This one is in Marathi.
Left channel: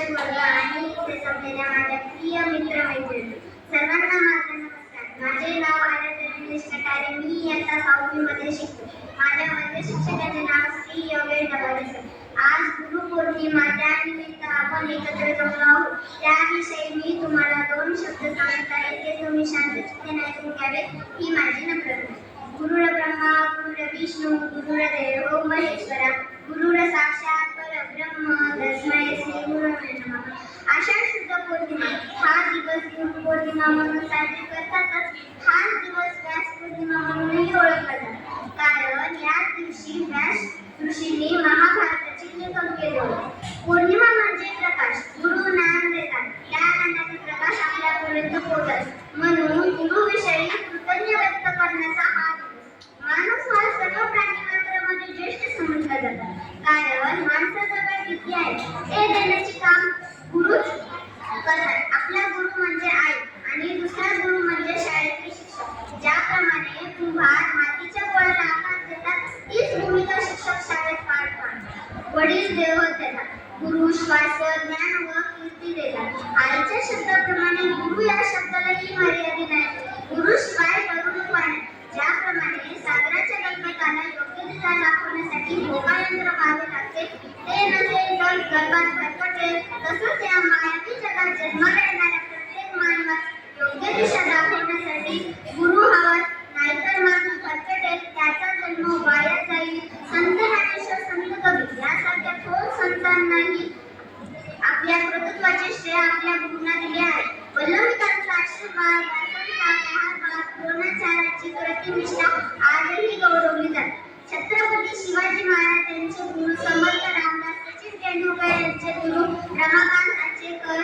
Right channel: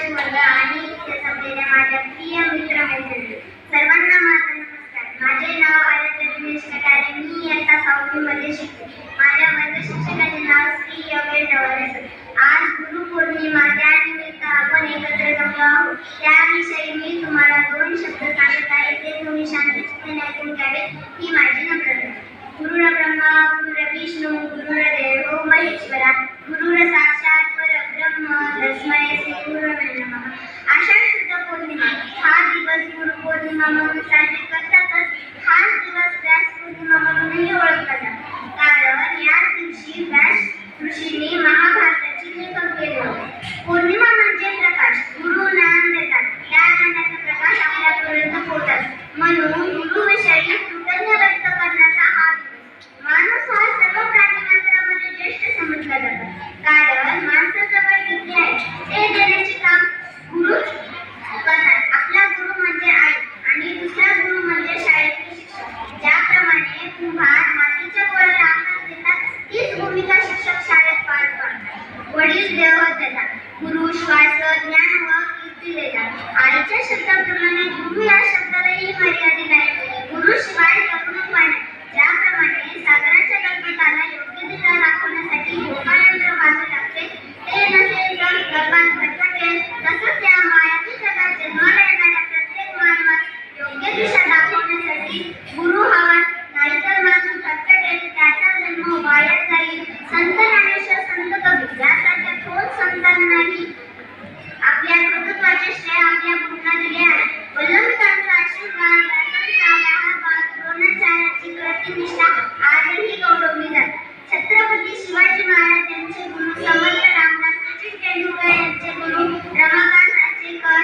शिक्षक वर्ग आणि इथे जमलेल्या माझ्या प्रिय मित्र मैत्रिणी सर्वांना माझा नमस्कार. माझे नाव आराध्य दिनेश कटारे. मी इयत्ता सहावी मध्ये शिकते. माझ्या वर्ग शिक्षकाचे नाव श्री योगेश डवरे सर. आज गुरुपौर्णिमा त्यानिमित्त आपण एकत्र जमलो आहोत. त्याविषयी मी तुम्हाला दोन शब्द सांगत आहे. ते तुम्ही शांतचित्ताने ऐकून घ्यावे ही माझी नम्रता गुरुर ब्रह्मा गुरुर विष्णू गुरुर देव महेश्वरा. गुरुर साक्षात परब्रह्म तस्मय श्री गुरुवे नमः आषाढ शुद्ध पौर्णिमा हा दिवस गुरु पौर्णिमा म्हणून साजरी करतातच हाच दिवस व्यास पौर्णिमा म्हणूनही ओळखला जातो. कारण या दिवशी व्यास ऋषीने महाभारताचे लेखन केले होते. पौर्णिमा म्हणजे प्रकाश गुरु ज्ञान देतात. त्या ज्ञानाचा प्रकाश आपल्यापर्यंत पोहोचत. म्हणून विश्वास ज्ञान व कीर्ती देतात आईच्या शब्दाप्रमाणे गुरु या शब्दालाही मर्यादित आहे. गुरु शिवाय करुणक ज्याप्रमाणे सागराच्या गणपताला योग्य दिशा दाखवण्यासाठी योगायंत्र व्हावे लागते ते नसेल तर गर्भात भरकटेल तसंच या मायावी जगात जन्माला येणाऱ्या प्रत्येक मानवास योग्य दिशा तेंडुलकर यांचे गुरु रमाकांत आचेकर